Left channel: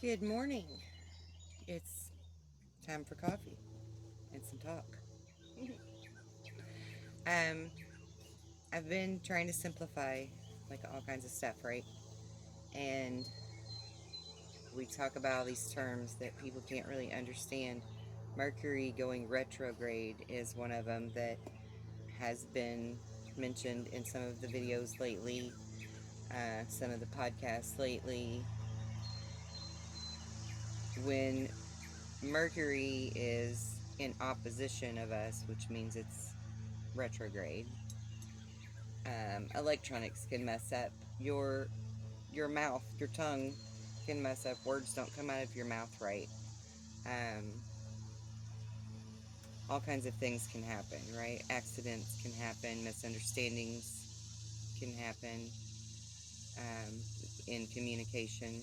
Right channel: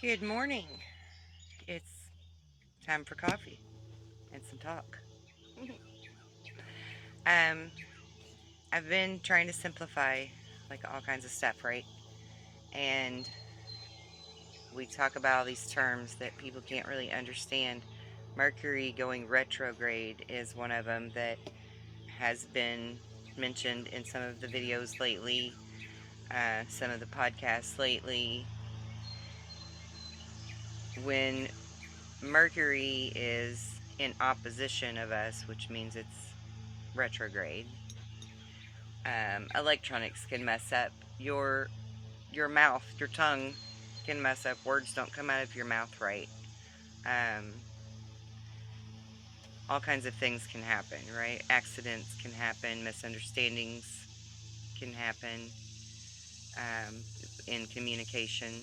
Good morning. It's time for coffee and some talk. um, I've been trying to simplify like all kinds of stuff, right? And we talk about all these terms that people can't really understand. Mercury going retrograde is one of them that has been mentioned in some of the videos lately, some of the podcasts lately. When Mercury is in opposition of us, which means it's retrograde, electronics can mess up your mouth, your tongue can mess up. Words don't come out of your mouth right. Um, all kinds of things can happen, right? Accidents can happen, misunderstandings can happen um, in communication.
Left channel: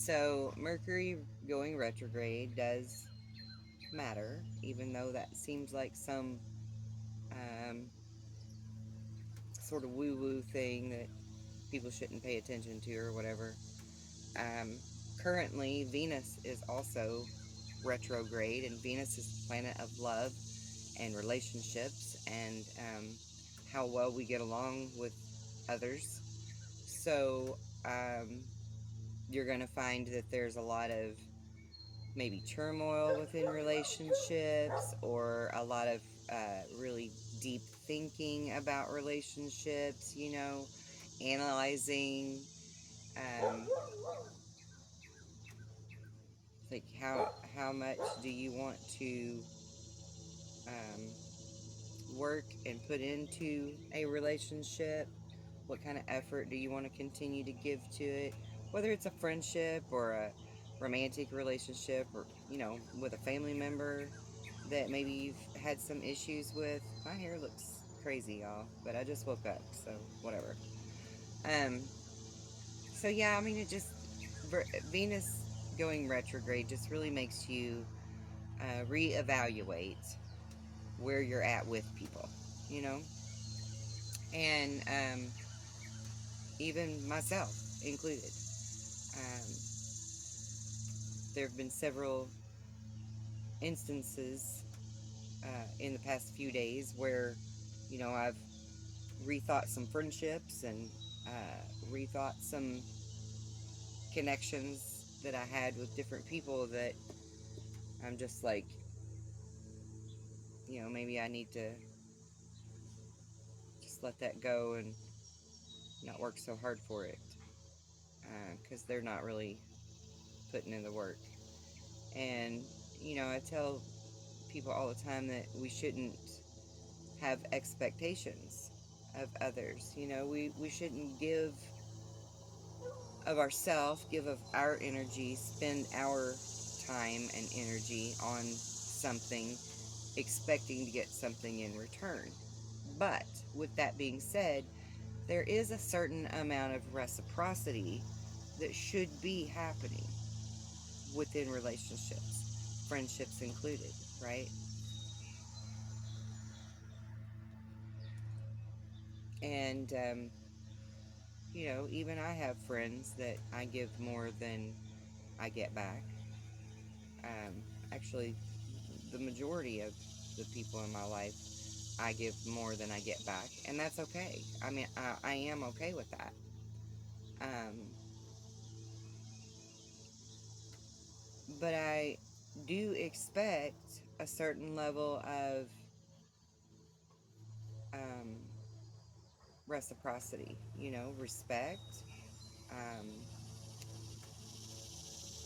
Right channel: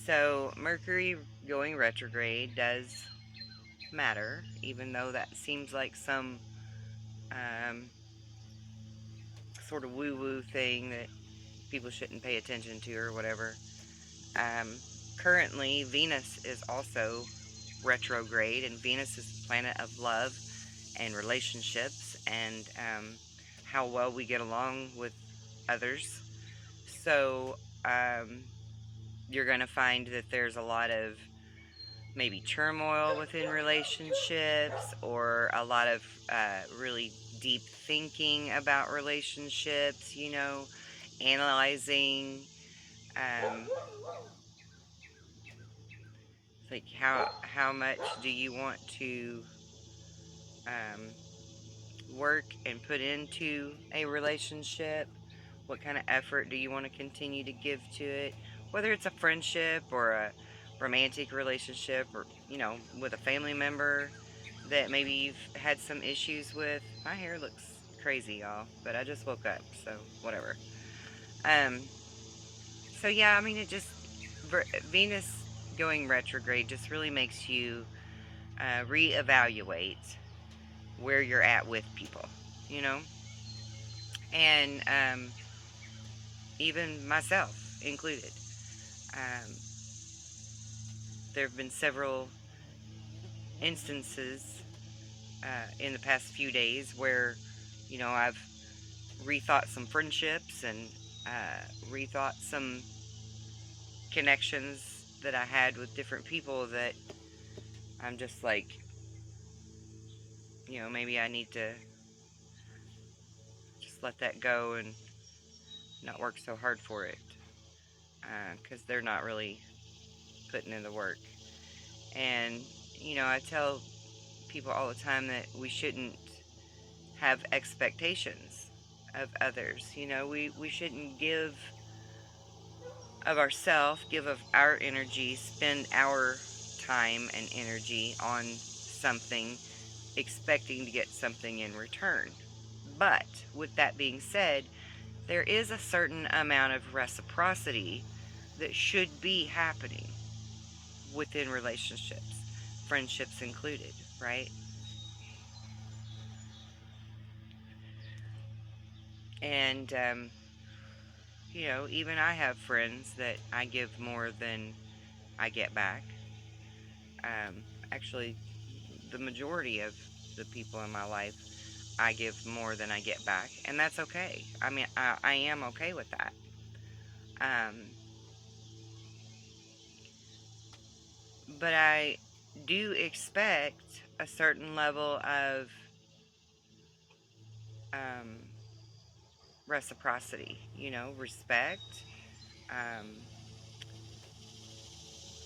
So Mercury going retrograde does matter, even though that seems like some um, sort of woo-woo thing that people shouldn't pay attention to or whatever. Um, Currently, Venus is also retrograde, and Venus is the planet of love and relationships and how well we get along with others. So, um, you're going to find that there's a lot of maybe turmoil within relationships or a lot of really deep thinking about relationships, analyzing. Um, like how much do you want to um, work and put into a relationship? What kind of effort do you want to continue to give to it? Whether it's a friendship or a romantic relationship or, with a family member that maybe you've had some issues with. My hair looks crazy, y'all, but I just woke up, so whatever. Um, so yeah, I mean, Venus going retrograde just really makes you reevaluate where you're at with people, you know? And even myself included. Um, there have been several instances in the past few days where, I've rethought some friendships and rethought some connections that I had with different people that I'm just like, maybe I need to just let that go and not work so hard for it because they're not really putting in the work. And, I tell people all the time that we shouldn't have expectations of others. We shouldn't give of ourselves, give of our energy, spend our time and energy on something expecting to get something in return. But with that being said, there is a certain amount of reciprocity that should be happening within relationships, friendships included, right? And, even I have friends that I give more than I get back. Um, Actually, the majority of the people in my life, I give more than I get back, and that's okay. I mean, I am okay with that. Um, but I do expect a certain level of um, reciprocity, respect, um,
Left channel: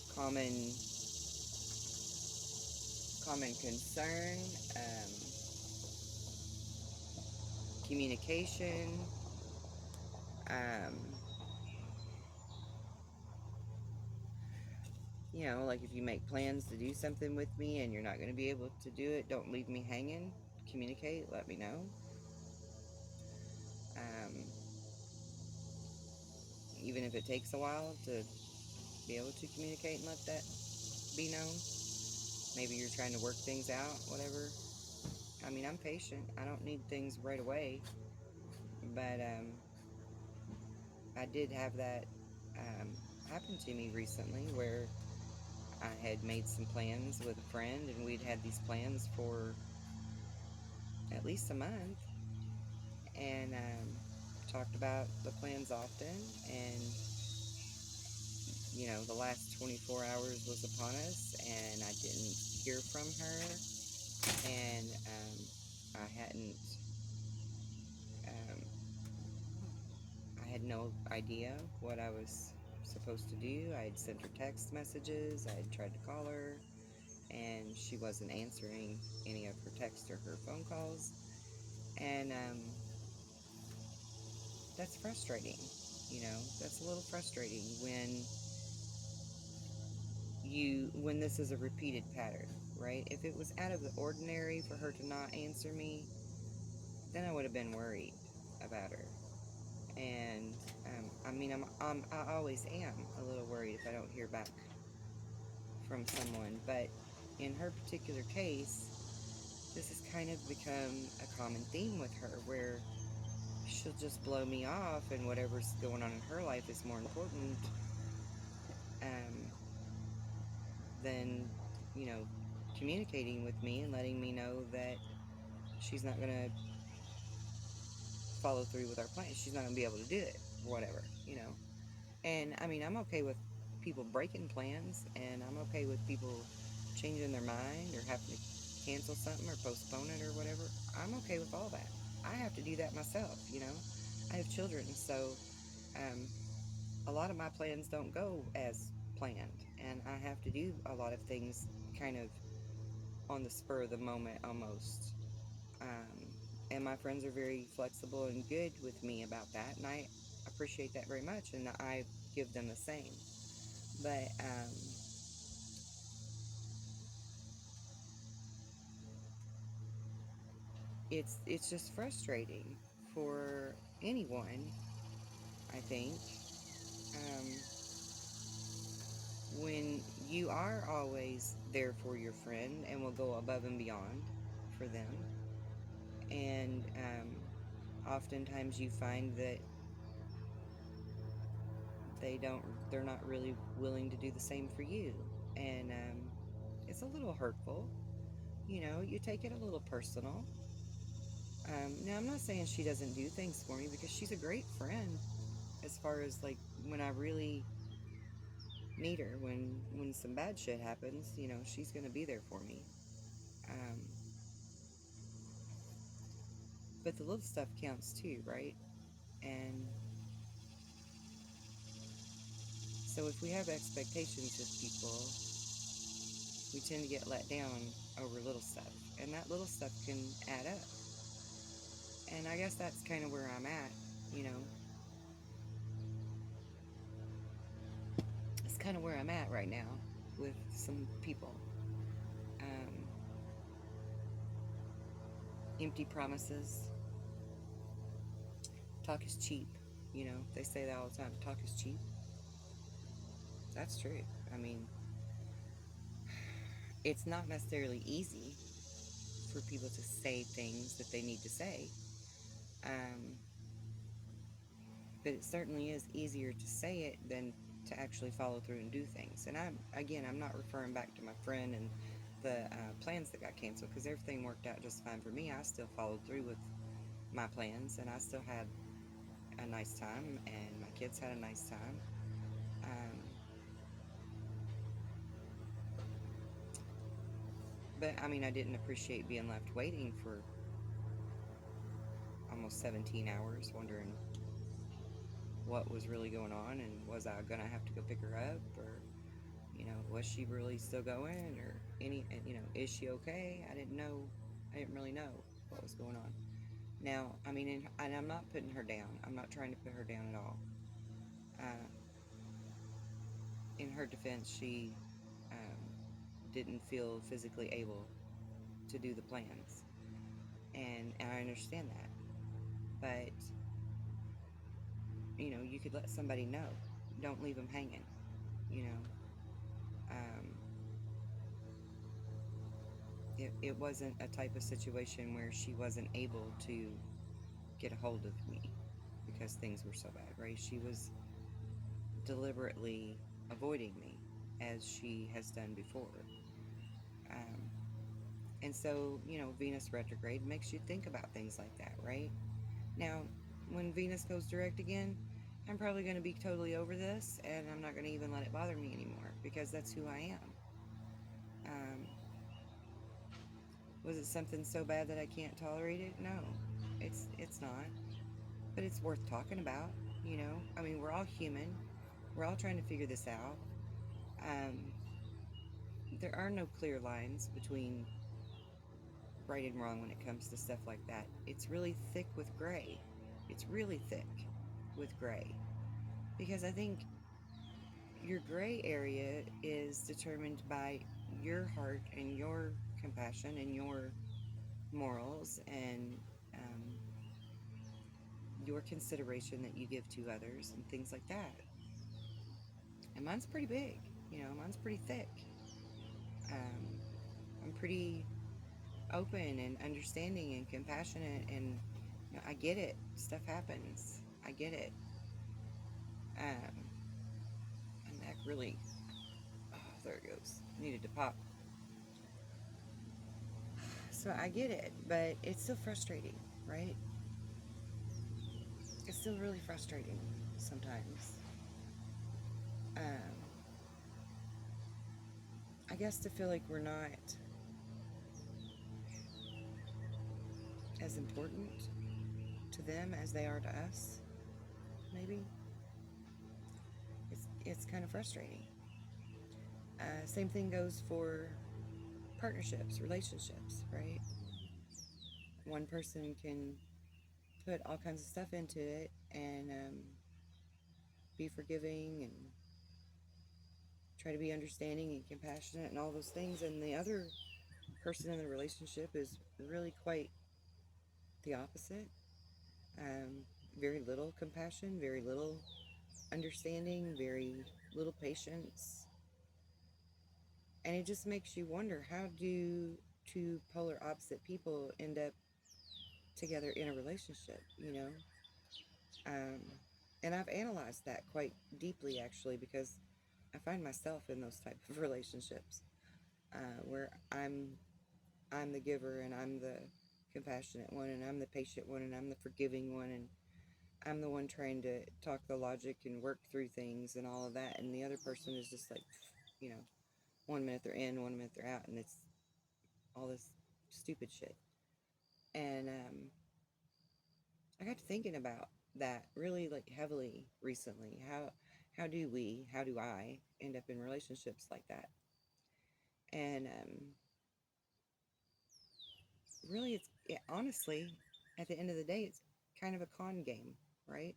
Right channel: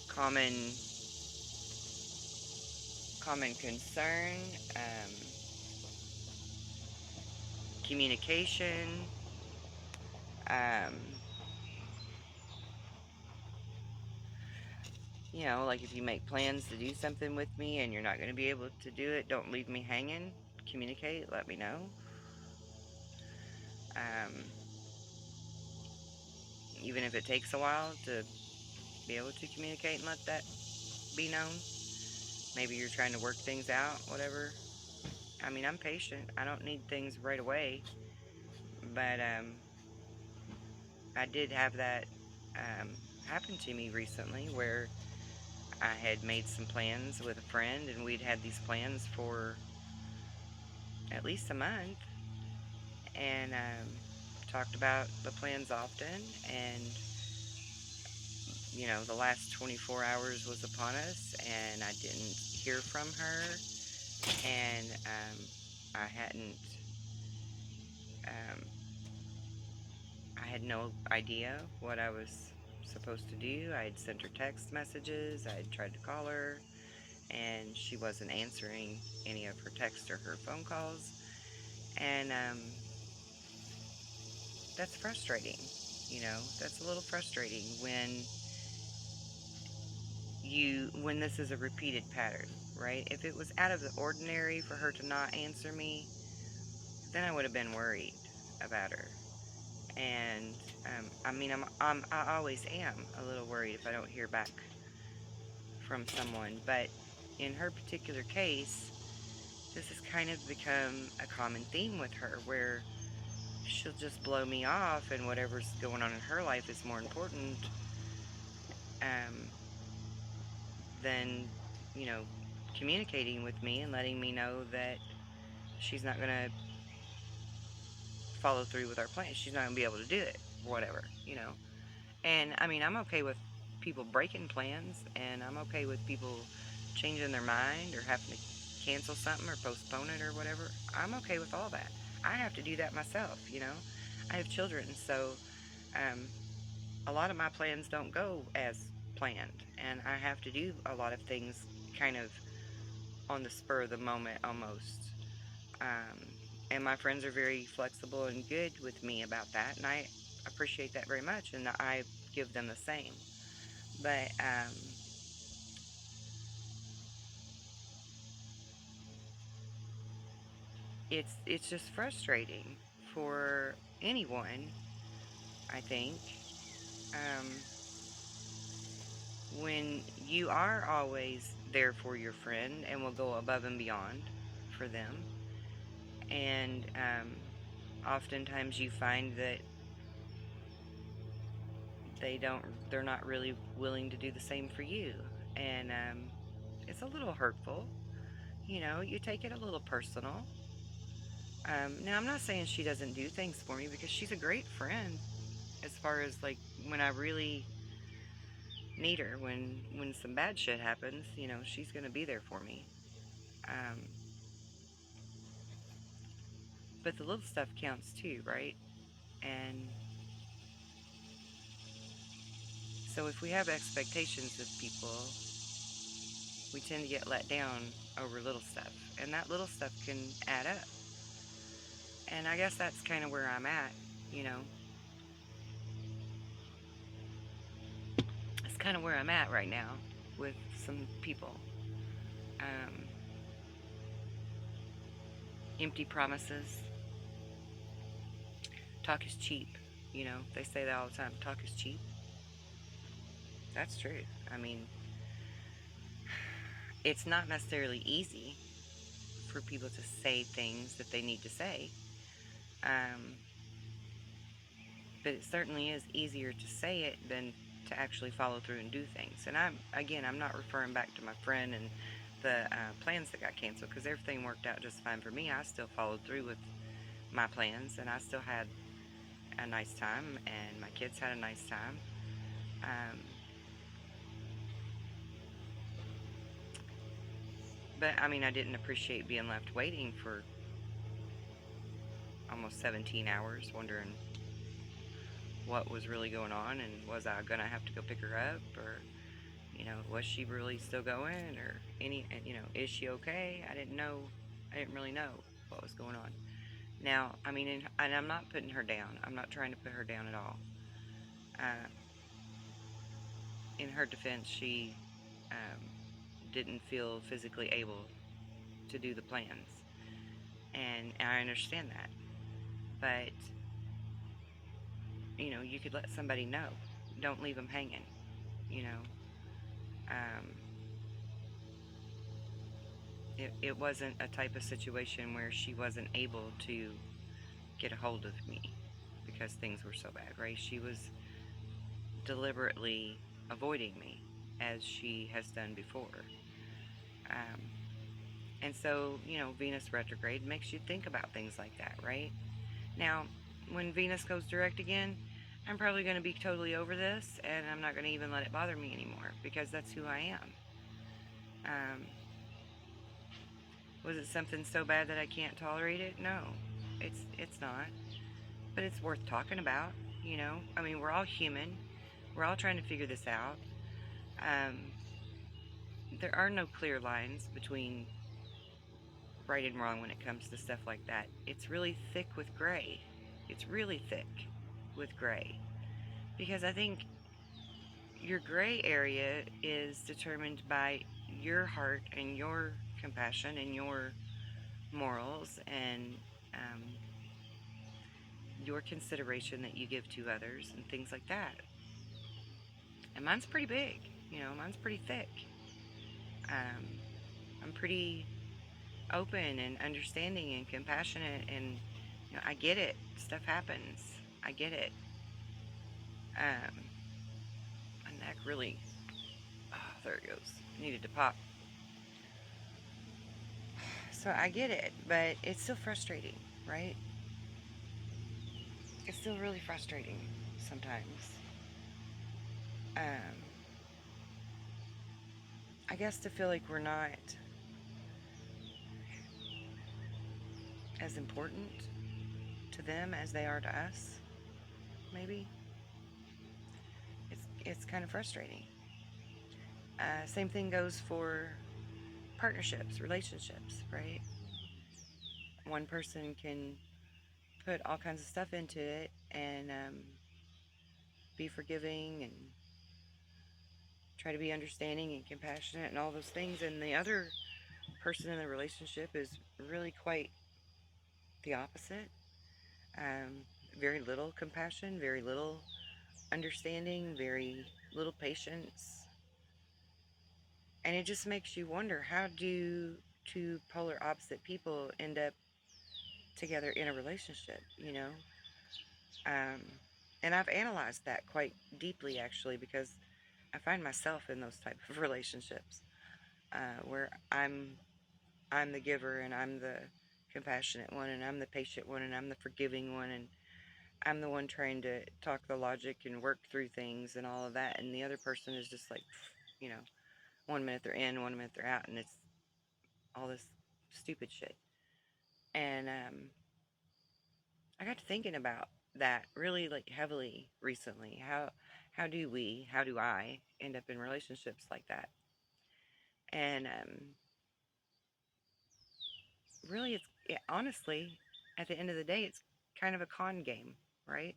common common concern, um, communication. Um, like if you make plans to do something with me and you're not going to be able to do it, don't leave me hanging. Communicate, let me know. Um, Even if it takes a while to be able to communicate and let that be known. Maybe you're trying to work things out, whatever. I mean, I'm patient. I don't need things right away. But I did have that happen happened to me recently where I had made some plans with a friend, and we'd had these plans for at least a month, and talked about the plans often. And the last 24 hours was upon us, and I didn't hear from her, and I hadn't. Um, I had no idea what I was supposed to do. I had sent her text messages. I had tried to call her, and she wasn't answering any of her texts or her phone calls. And that's frustrating. That's a little frustrating when this is a repeated pattern, right? If it was out of the ordinary for her to not answer me, then I would have been worried about her. And I mean, I always am a little worried if I don't hear back from someone. But in her particular case, this has kind of become a common theme with her, where she'll just blow me off, and whatever's going on in her life is more important um, than, you know, communicating with me and letting me know that she's not going to follow through with our plans. She's not going to be able to do it, whatever. And I mean, I'm okay with people breaking plans, and I'm okay with people changing their mind or having to cancel something or postpone it or whatever. I'm okay with all that. I have to do that myself. I have children, so um, a lot of my plans don't go as planned, and I have to do a lot of things kind of on the spur of the moment almost. Um, and my friends are very flexible and good with me about that, and I appreciate that very much, and I give them the same. But it's just frustrating for anyone, I think, um, when you are always there for your friend and will go above and beyond for them, and oftentimes you find that they're not really willing to do the same for you, and it's a little hurtful. You take it a little personal. Now, I'm not saying she doesn't do things for me, because she's a great friend as far as like when I really need her, when some bad shit happens, she's gonna be there for me. Um, but the little stuff counts too, right? And so if we have expectations of people, we tend to get let down over little stuff, and that little stuff can add up. And I guess that's kind of where I'm at. You know, it's kind of where I'm at right now with some people. Um, Empty promises. Talk is cheap. They say that all the time. Talk is cheap. That's true. I mean, it's not necessarily easy for people to say things that they need to say. Um, but it certainly is easier to say it than to actually follow through and do things. And I'm not referring back to my friend and the plans that got canceled, because everything worked out just fine for me. I still followed through with my plans, and I still had a nice time, and my kids had a nice time. Um, but I mean, I didn't appreciate being left waiting for almost 17 hours, wondering what was really going on, and was I gonna have to go pick her up, or was she really still going, or is she okay? I didn't really know what was going on. Now, I mean, and I'm not putting her down. I'm not trying to put her down at all. uh, in her defense, she um, didn't feel physically able to do the plans, and I understand that. But you could let somebody know. Don't leave them hanging. you know um, it wasn't a type of situation where she wasn't able to get a hold of me because things were so bad, right? She was deliberately avoiding me as she has done before. Um, and so, Venus retrograde makes you think about things like that, right? Now, when Venus goes direct again, I'm probably going to be totally over this and I'm not going to even let it bother me anymore because that's who I am. Um, was it something so bad that I can't tolerate it? No, it's not. But it's worth talking about. I mean, we're all human. We're all trying to figure this out. Um, there are no clear lines between right and wrong when it comes to stuff like that. It's really thick with gray. It's really thick with gray. Because I think your gray area is determined by your heart and your compassion and your morals and um, your consideration that you give to others and things like that. And mine's pretty big, mine's pretty thick. Um, I'm pretty open and understanding and compassionate, and I get it. Stuff happens. I get it. Um, my neck really, oh, there it goes. Needed to pop. So I get it, but it's still frustrating, right? It's still really frustrating sometimes. Um, I guess to feel like we're not as important to them as they are to us, maybe. It's kind of frustrating. Same thing goes for partnerships, relationships, right? One person can put all kinds of stuff into it and be forgiving and try to be understanding and compassionate and all those things, and the other person in the relationship is really quite the opposite. Um, Very little compassion, very little understanding, very little patience. And it just makes you wonder, how do two polar opposite people end up together in a relationship? Um, and I've analyzed that quite deeply, actually, because I find myself in those type of relationships where I'm the giver and I'm the compassionate one and I'm the patient one and I'm the forgiving one and I'm the one trying to talk the logic and work through things and all of that, and the other person is just like, you know, 1 minute they're in, 1 minute they're out, and it's all this stupid shit. And I got to thinking about that really like heavily recently. How do I end up in relationships like that? And really, honestly, at the end of the day, it's kind of a con game, right?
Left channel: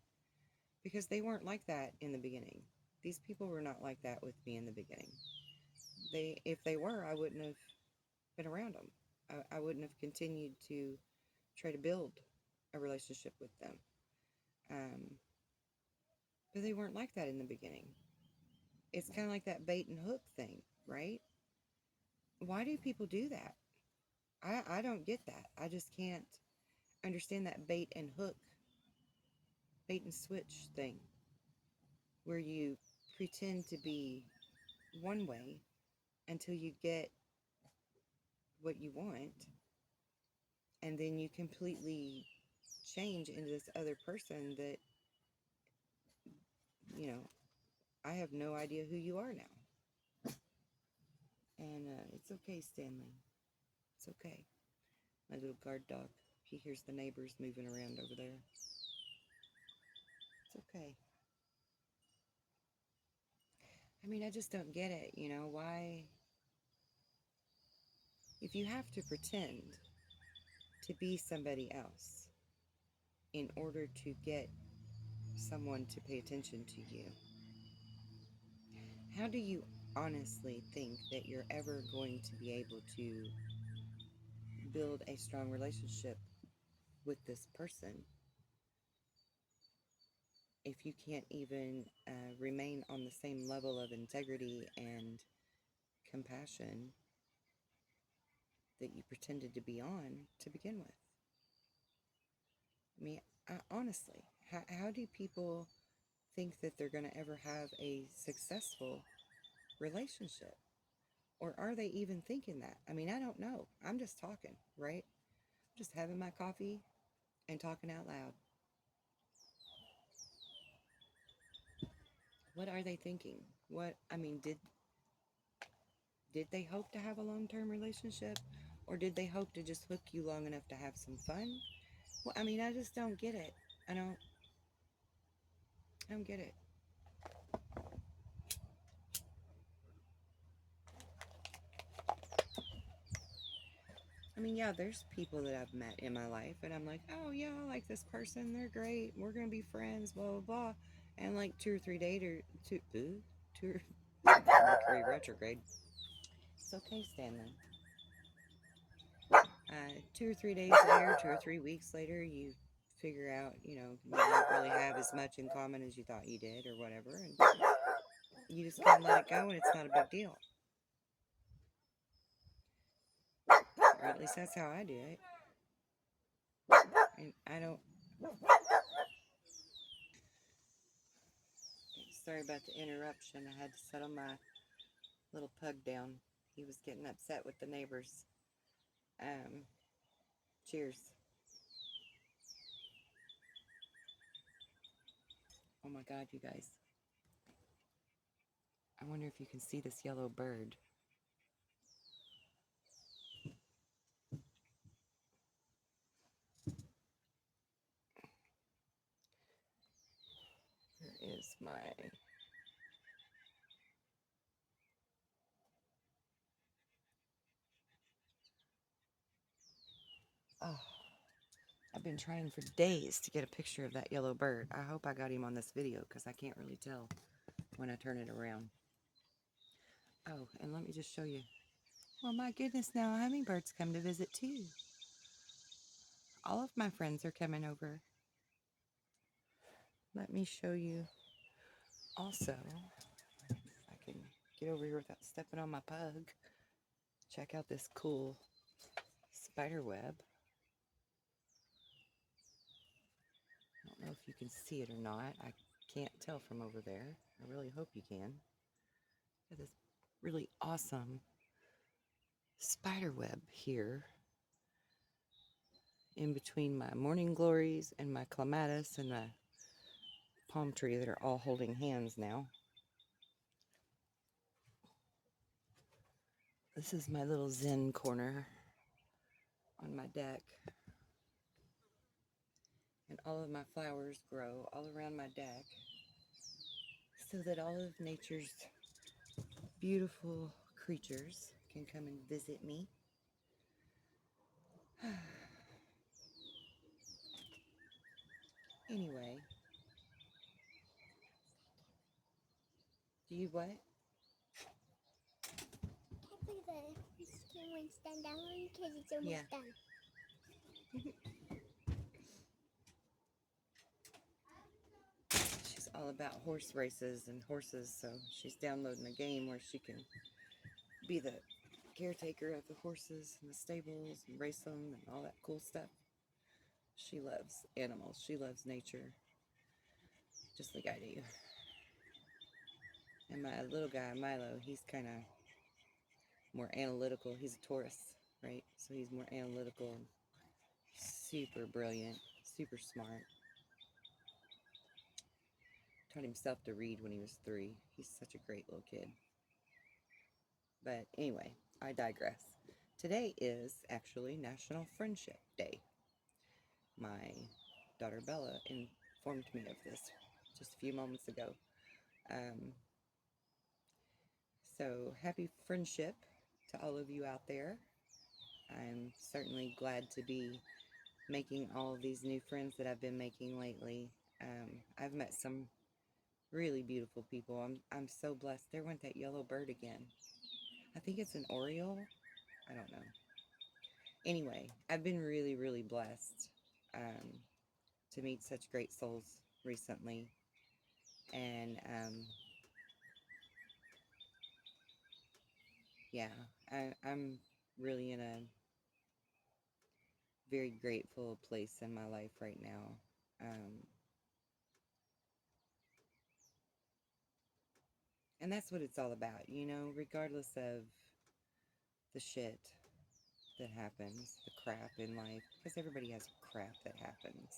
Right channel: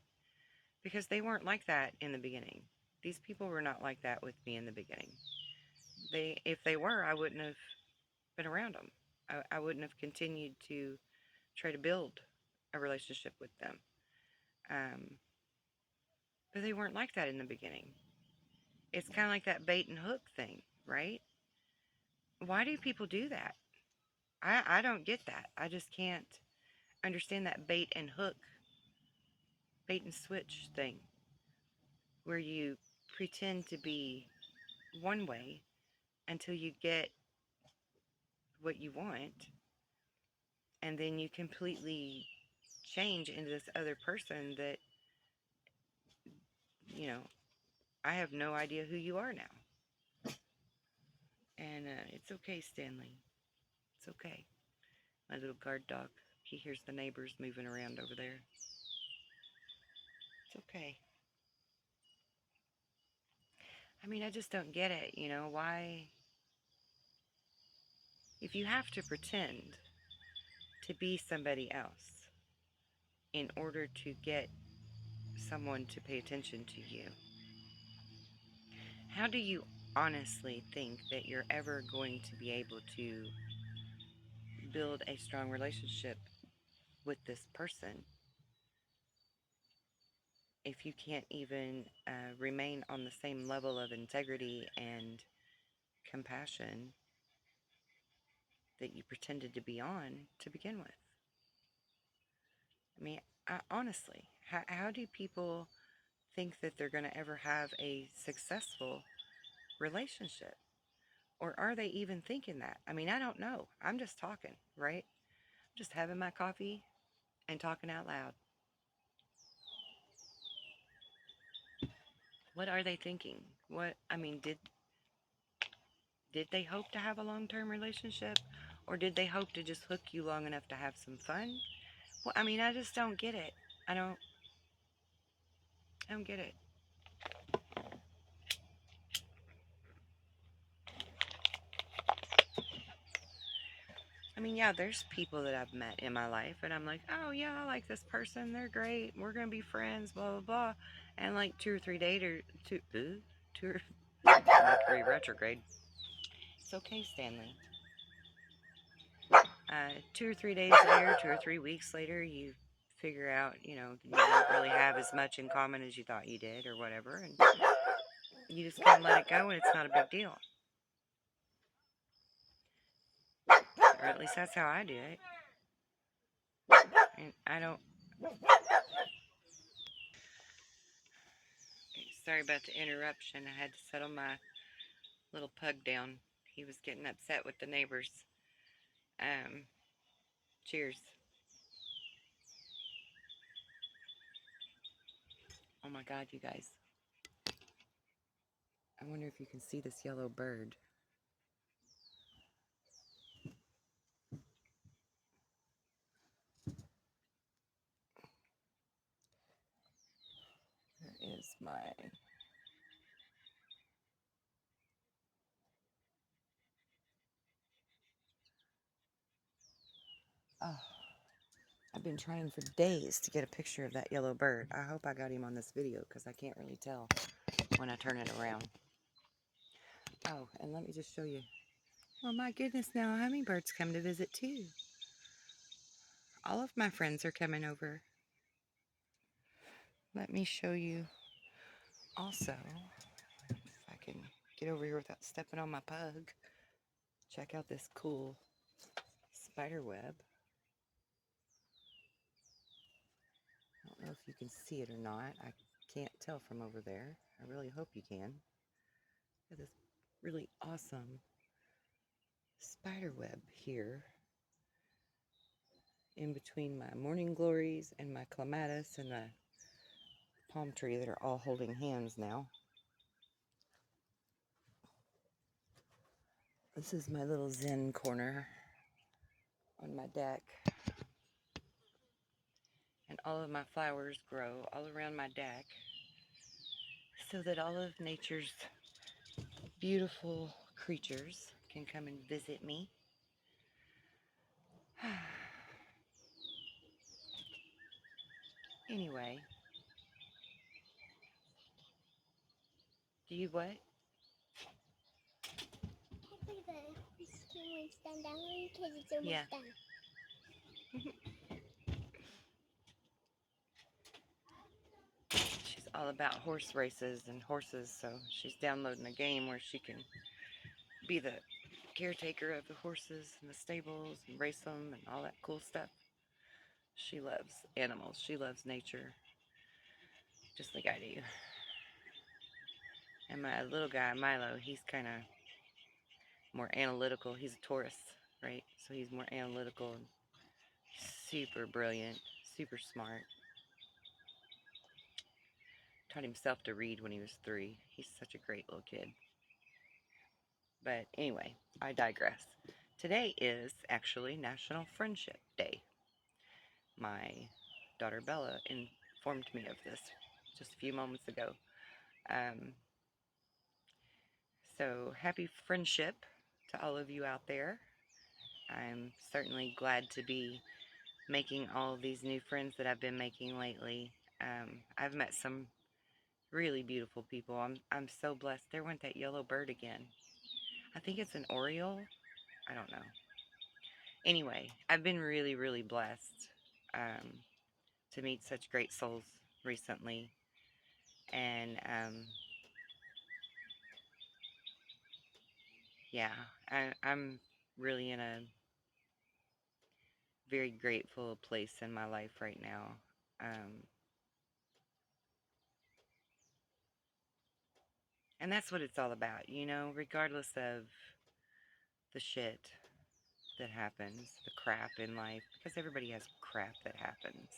Because they weren't like that in the beginning. These people were not like that with me in the beginning. If they were, I wouldn't have been around them. I wouldn't have continued to try to build a relationship with them. Um, but they weren't like that in the beginning. It's kind of like that bait and hook thing, right? Why do people do that? I don't get that. I just can't understand that bait and switch thing, where you pretend to be one way until you get what you want, and then you completely change into this other person that, you know, I have no idea who you are now. And it's okay, Stanley. It's okay. My little guard dog, he hears the neighbors moving around over there. It's okay. I mean, I just don't get it. Why, if you have to pretend to be somebody else in order to get someone to pay attention to you, how do you honestly think that you're ever going to be able to build a strong relationship with this person if you can't even remain on the same level of integrity and compassion that you pretended to be on to begin with? I mean, honestly, how do people think that they're going to ever have a successful relationship? Or are they even thinking that? I mean, I don't know. I'm just talking, right? Just having my coffee and talking out loud. What are they thinking? What I mean, did they hope to have a long-term relationship, or did they hope to just hook you long enough to have some fun? Well, I mean, I just don't get it. I don't I don't get it. I mean, yeah, there's people that I've met in my life, and I'm like, oh yeah, I like this person. They're great. We're gonna be friends. Blah blah blah. And like 2 or 3 days or two or Mercury retrograde. It's okay, Stanley. 2 or 3 days later, 2 or 3 weeks later, you figure out, you don't really have as much in common as you thought you did, or whatever, and you just kind of let it go, and it's not a big deal. Or at least that's how I do it. And I don't. Sorry about the interruption. I had to settle my little pug down. He was getting upset with the neighbors. Um, cheers. Oh my God, you guys. I wonder if you can see this yellow bird. Where is my... Oh, I've been trying for days to get a picture of that yellow bird. I hope I got him on this video because I can't really tell when I turn it around. Oh, and let me just show you. Well, my goodness, now hummingbirds come to visit too. All of my friends are coming over. Let me show you also, if I can get over here without stepping on my pug. Check out this cool spider web. I don't know if you can see it or not. I can't tell from over there. I really hope you can. Got this really awesome spider web here in between my morning glories and my clematis and the palm tree that are all holding hands now. This is my little zen corner on my deck. And all of my flowers grow all around my deck so that all of nature's beautiful creatures can come and visit me. Anyway, do you what? Hopefully the rescue one's done that one because it's almost done. She's all about horse races and horses, so she's downloading a game where she can be the caretaker of the horses and the stables and race them and all that cool stuff. She loves animals. She loves nature, just like I do. And my little guy, Milo, he's kind of more analytical. He's a Taurus, right? So he's more analytical and super brilliant, super smart. Taught himself to read when he was 3. He's such a great little kid. But anyway, I digress. Today is actually National Friendship Day. My daughter Bella informed me of this just a few moments ago. Um, so happy friendship to all of you out there. I'm certainly glad to be making all of these new friends that I've been making lately. I've met some really beautiful people. I'm so blessed. There went that yellow bird again. I think it's an oriole. I don't know. Anyway, I've been really, really blessed to meet such great souls recently. And yeah, I'm really in a very grateful place in my life right now. Um, And that's what it's all about, regardless of the shit that happens, the crap in life, because everybody has crap that happens.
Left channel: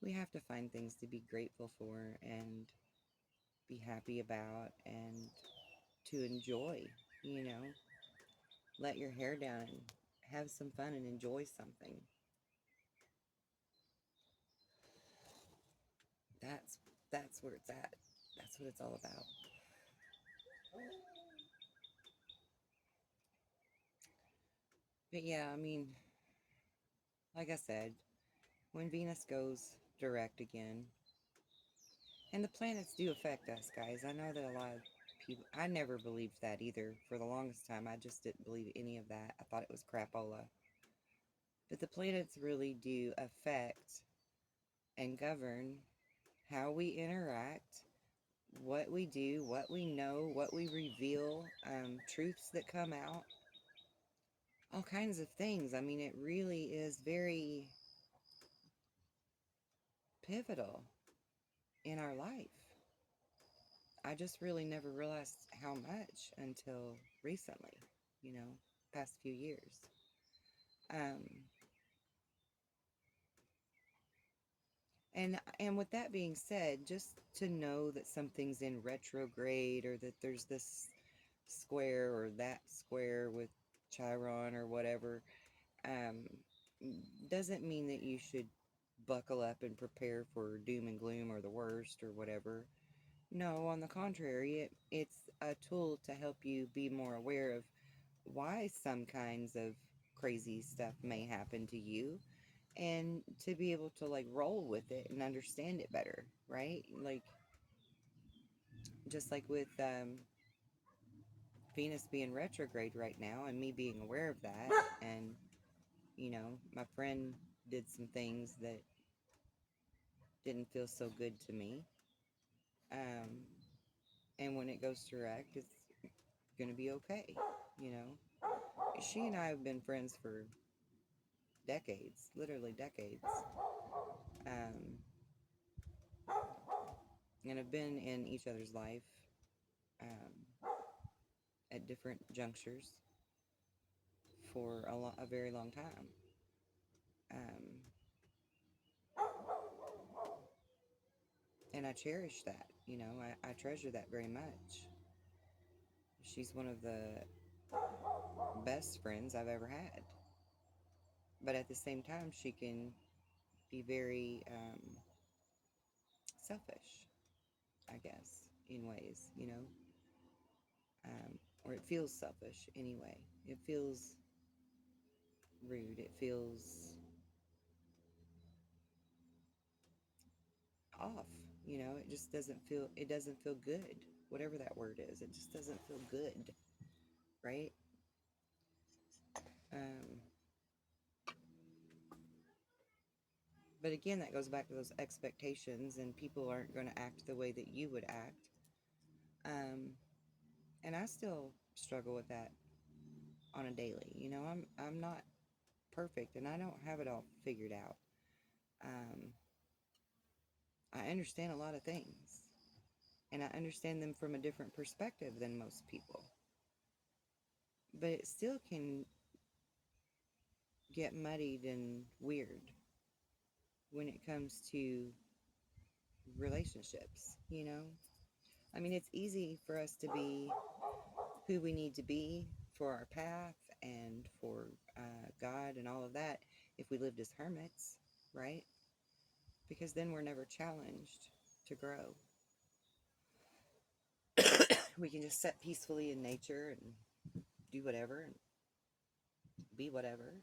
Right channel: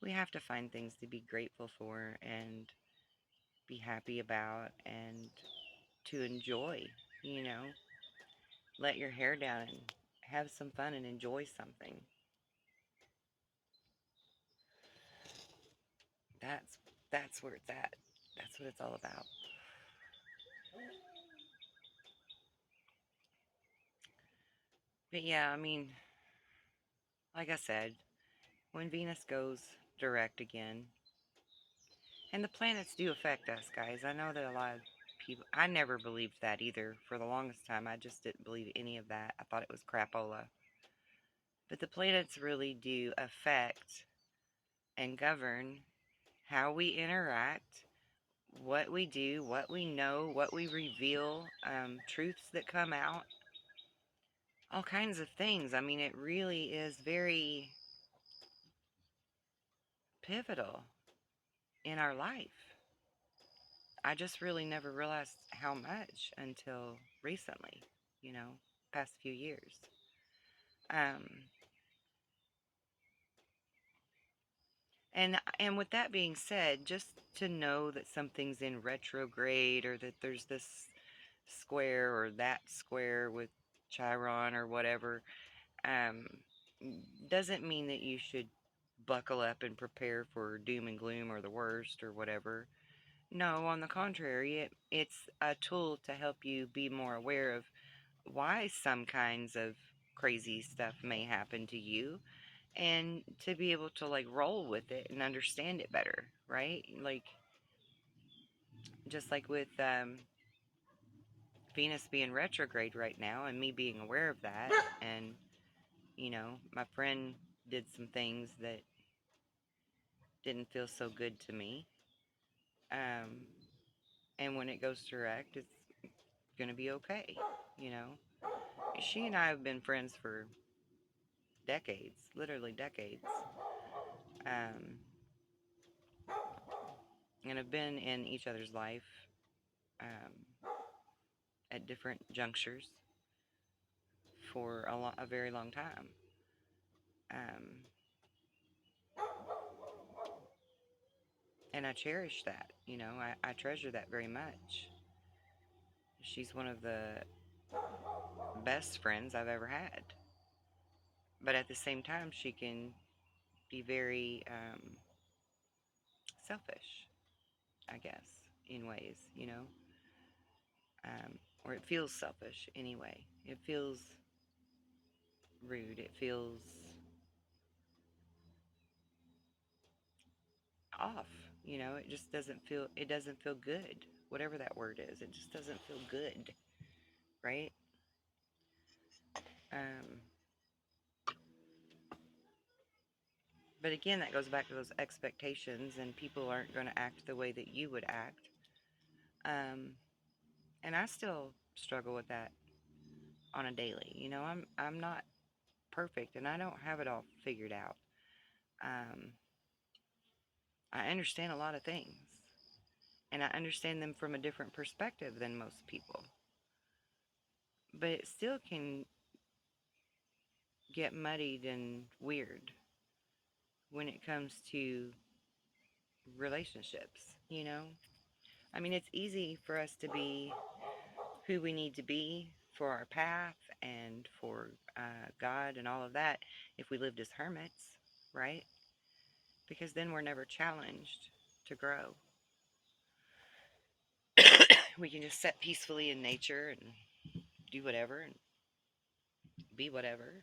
We have to find things to be grateful for and be happy about and to enjoy, you know. Let your hair down and have some fun and enjoy something. That's that's where it's at. That's what it's all about. But yeah, I mean, like I said, when Venus goes direct again, and the planets do affect us, guys. I know that a lot of people, I never believed that either. For the longest time, I just didn't believe any of that. I thought it was crapola. But the planets really do affect and govern how we interact, what we do, what we know, what we reveal, truths that come out, all kinds of things. I mean, it really is very pivotal in our life. I just really never realized how much until recently, past few years. Um, and with that being said, just to know that something's in retrograde or that there's this square or that square with Chiron or whatever, um, doesn't mean that you should buckle up and prepare for doom and gloom or the worst or whatever. No, on the contrary, it's a tool to help you be more aware of why some kinds of crazy stuff may happen to you and to be able to like roll with it and understand it better, right? Like just like with Venus being retrograde right now and me being aware of that and my friend did some things that didn't feel so good to me. Um and when it goes direct, it's going to be okay, you know. She and I have been friends for decades, literally decades. Um and have been in each other's life um, at different junctures for a very long time. Um, and I cherish that, I treasure that very much. She's one of the best friends I've ever had. But at the same time, she can be very selfish, I guess, in ways, or it feels selfish anyway. It feels rude. It feels off. It just doesn't feel good. Whatever that word is, it just doesn't feel good, right? Um, but again, that goes back to those expectations, and people aren't going to act the way that you would act. Um, and I still struggle with that on a daily. I'm not perfect, and I don't have it all figured out. Um, I understand a lot of things, and I understand them from a different perspective than most people. But it still can get muddied and weird when it comes to relationships. I mean, it's easy for us to be who we need to be for our path and for God and all of that if we lived as hermits, right? Because then we're never challenged to grow. We can just sit peacefully in nature and do whatever and be whatever.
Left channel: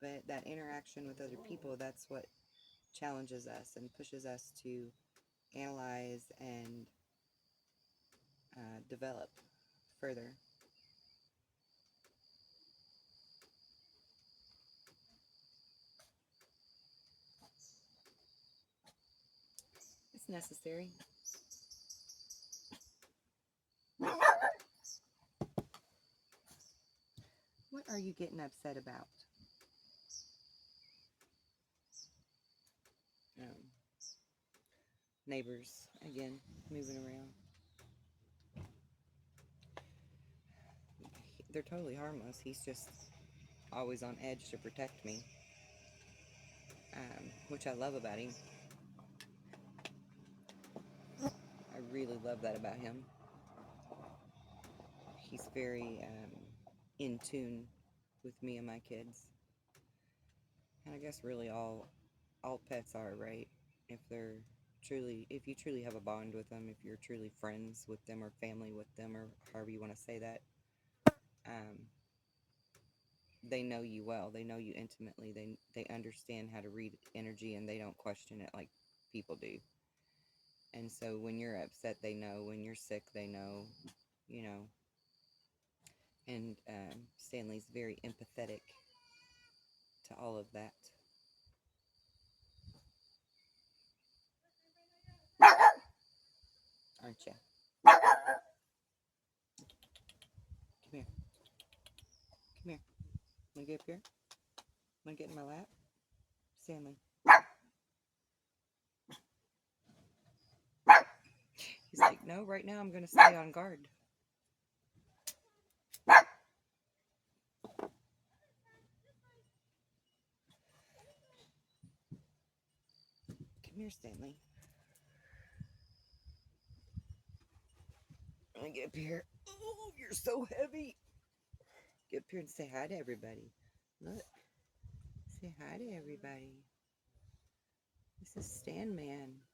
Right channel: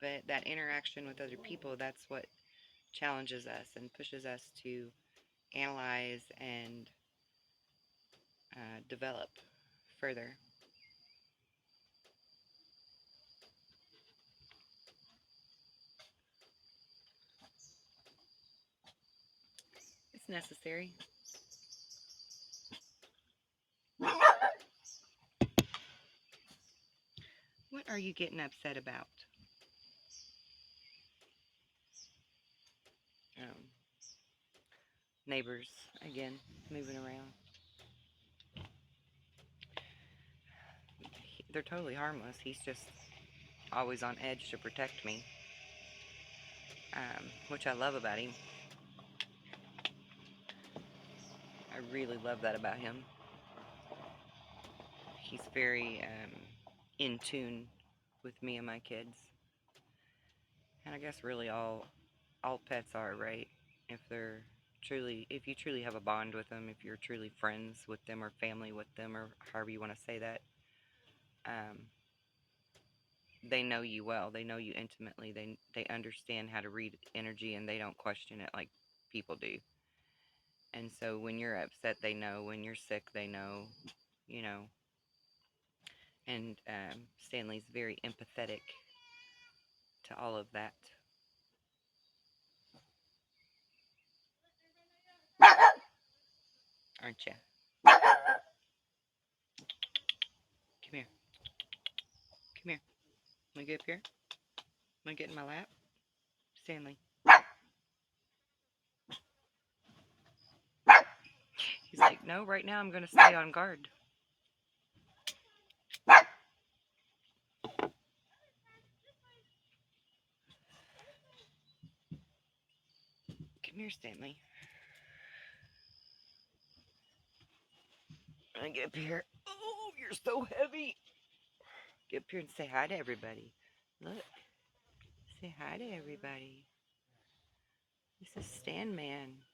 But that interaction with other people, that's what challenges us and pushes us to analyze and develop further. It's necessary. What are you getting upset about? Um, Neighbors, again, moving around. They're totally harmless. He's just always on edge to protect me, which I love about him. I really love that about him. He's very in tune with me and my kids. And I guess really all pets are, right? If you truly have a bond with them, if you're truly friends with them or family with them or however you want to say that, um, they know you well. They know you intimately. They understand how to read energy and they don't question it like people do. And so when you're upset, they know. When you're sick, they know. You know. And Stanley's very empathetic to all of that. Aren't you? Come here. Come here. Want to get up here? Want to get in my lap? Stanley. He's like, no, right now I'm going to stay on guard. Come here, Stanley. I get up here. Oh, you're so heavy. Get up here and say hi to everybody. Look. Say hi to everybody. This is Stan Man.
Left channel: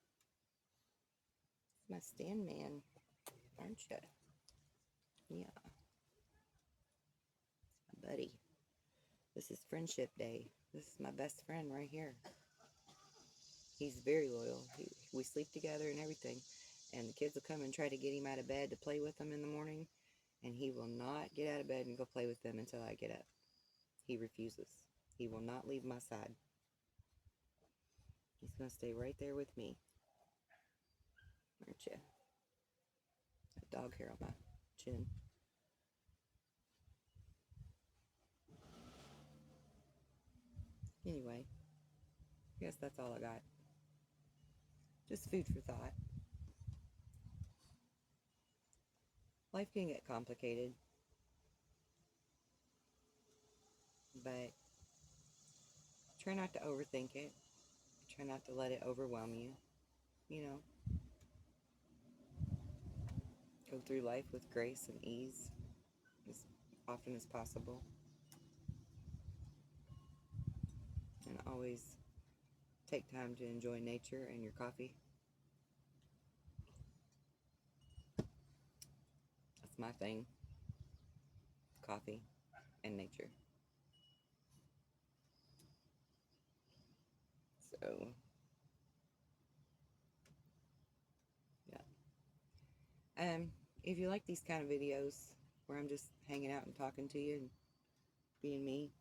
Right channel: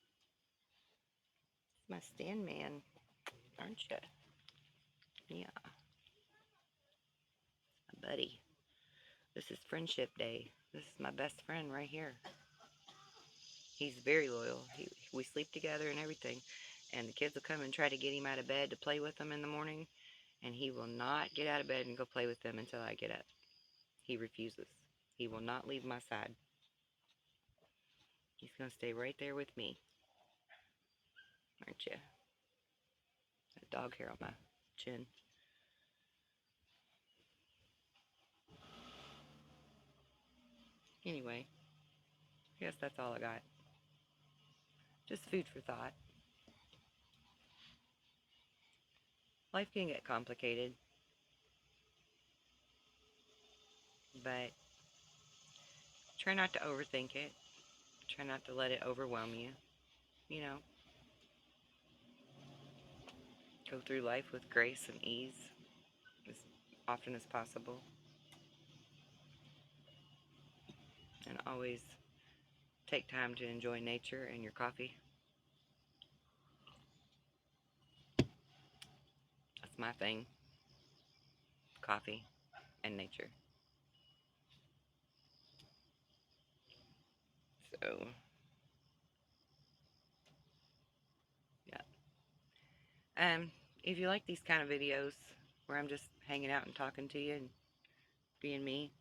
My Stan Man. Aren't you? Yeah. My buddy. This is Friendship Day. This is my best friend right here. He's very loyal. We sleep together and everything. And the kids will come and try to get him out of bed to play with them in the morning. And he will not get out of bed and go play with them until I get up. He refuses. He will not leave my side. He's going to stay right there with me. Aren't you? That dog hair on my chin. Anyway, I guess that's all I got. Just food for thought. Life can get complicated, but try not to overthink it. Try not to let it overwhelm you. You know, go through life with grace and ease as often as possible. And always take time to enjoy nature and your coffee. That's my thing. Coffee and nature. So, yeah. If you like these kind of videos where I'm just hanging out and talking to you and being me,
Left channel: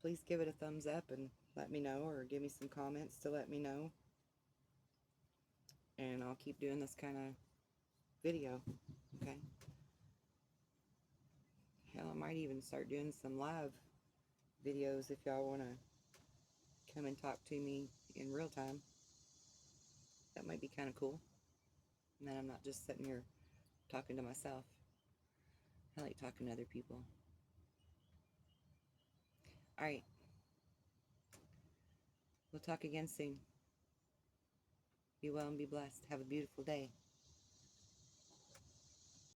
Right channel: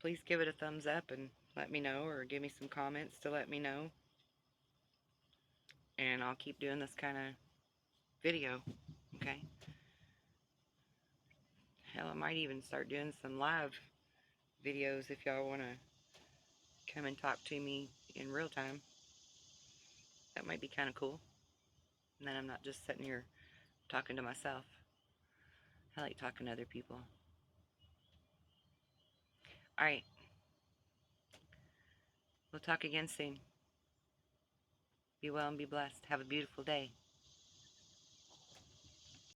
please give it a thumbs up and let me know, or give me some comments to let me know. And I'll keep doing this kind of video, okay? Hell, I might even start doing some live videos if y'all want to come and talk to me in real time. That might be kind of cool. And then I'm not just sitting here talking to myself. I like talking to other people. Alright. We'll talk again soon. Be well and be blessed. Have a beautiful day.